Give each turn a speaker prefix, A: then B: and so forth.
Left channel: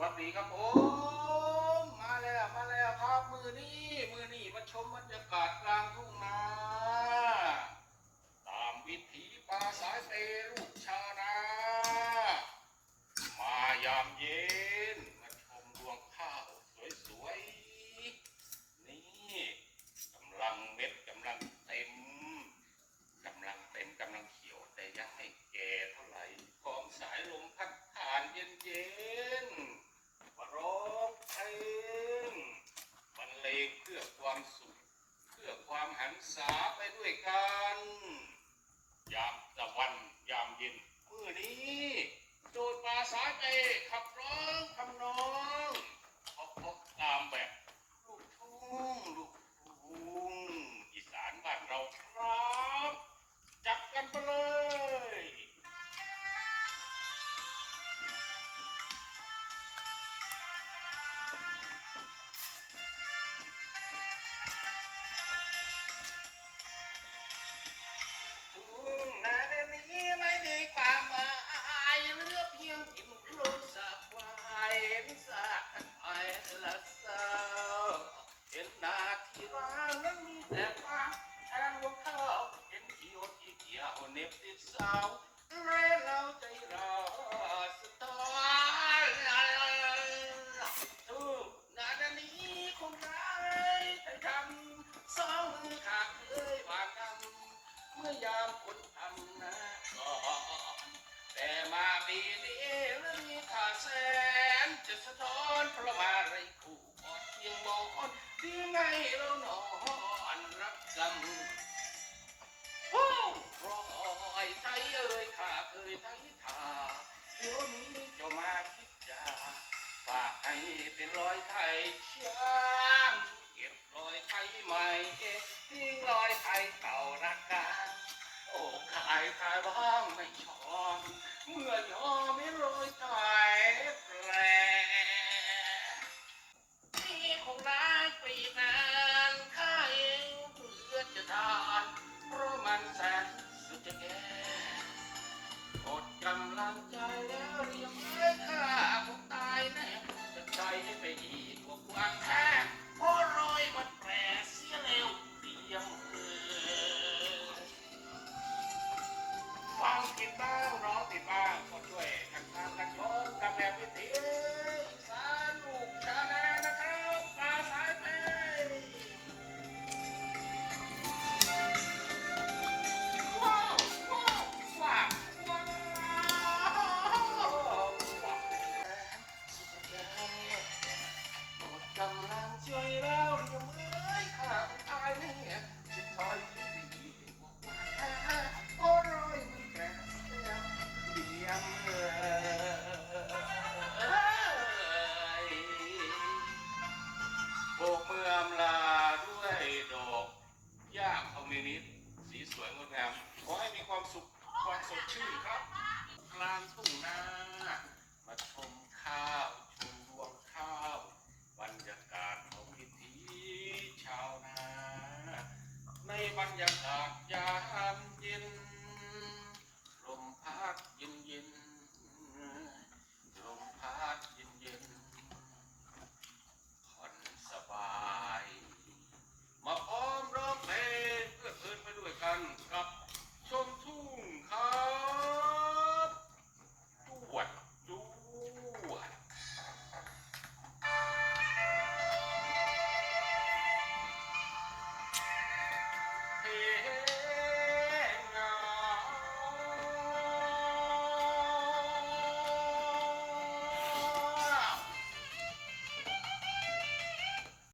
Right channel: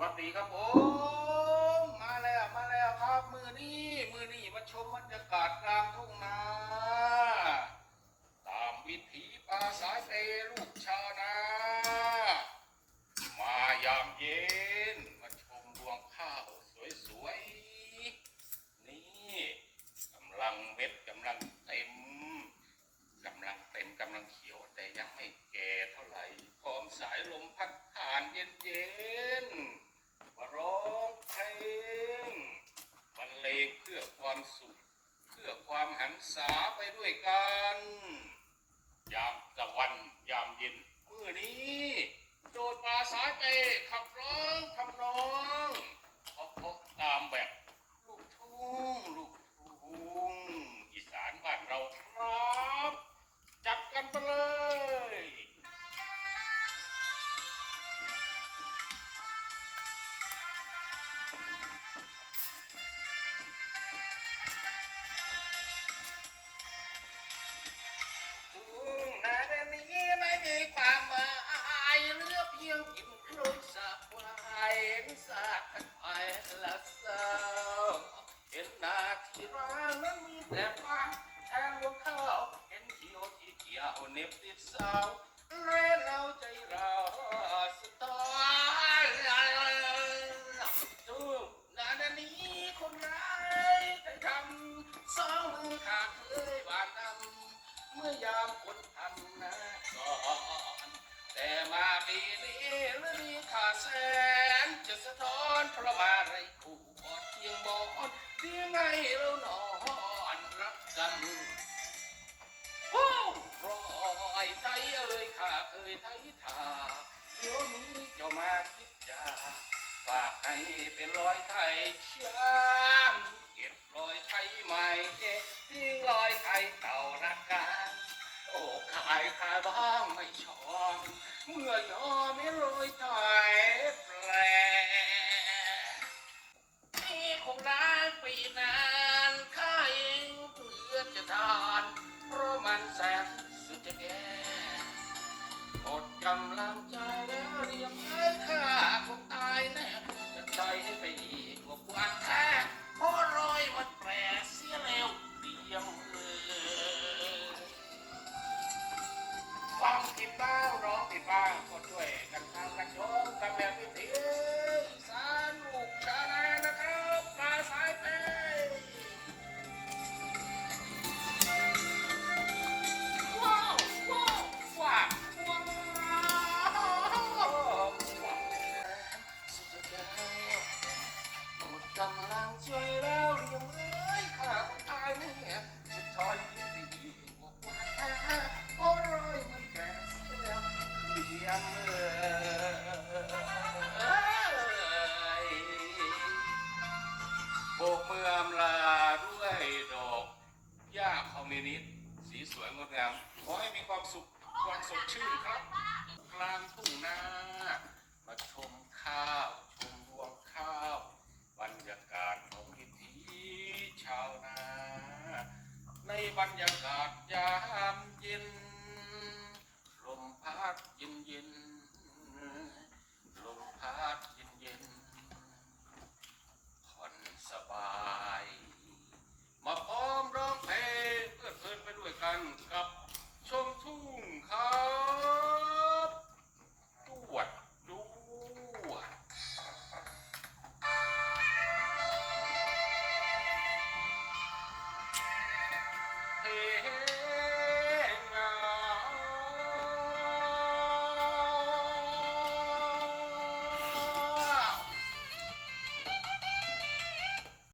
A: วัสดีครับผมมาแล้วมาแล้วครับ มือนี้มือนี้มาชมบรรยากาศกลางทุ่งนาตามวิถีภาษาเตลูกชาวนา มายามเย็นมาชมรวงข้าวสวยๆนี่กำลังเม็ดกำลังเต็มกำลังเต็มกำลังเขียวแต่ยังไม่แก่เท่าไหร่พร้อมสายลมพัดผ่านเย็นๆมาร้องเพลงบรรเลงเพื่อ ความสุข เพื่อความหันษาไปด้วยกัน อยาง เหลือเพียงกินโคลนสาควายเห็นสาดไอ้ละเศร้าเห็นนาที่ร้างนั้นมีแต่ความแทนรวข้าวเห็นเขียวที่เกี่ยวเน็บติดเสาและเราใจเราสตายทุ่งนาดนนี้คนร้ายแต่ทำสองมือขาดเลยบานนำเมื่อยามคนทำนาก่อน แต่มาปีนี้ฤดูขาดแสนจะสะท้อนเพราะมาไรคู่กอดเพียงมอนที่ไม่เรานอนรับกรรมโอ้รอยไทยเอ่ยข้าเคยไทยทาเดี๋ยวนี้จะมาคิดจาฝากให้เป็นรอยไทยช้างเก็บรอยไทยใหม่ทิ้งรอยไทยเก่ารักกันโอ้ ใครบ้างไม่ชอบเมื่อยอไม่โรยตายแผลนี่คงได้ปีนานข้าเองเพื่อจะทานเพราะมันแสนสุดจะแก่อดกำลังใจแล้วเรียมไม้ข้าคงตายแน่จะใจให้ไปอีกกว่าแท้ 哎，不对。 สีสวยงดงาม ขอให้มีความสุขความสดชื่นครับ กลางทุ่งนามาชมข้าว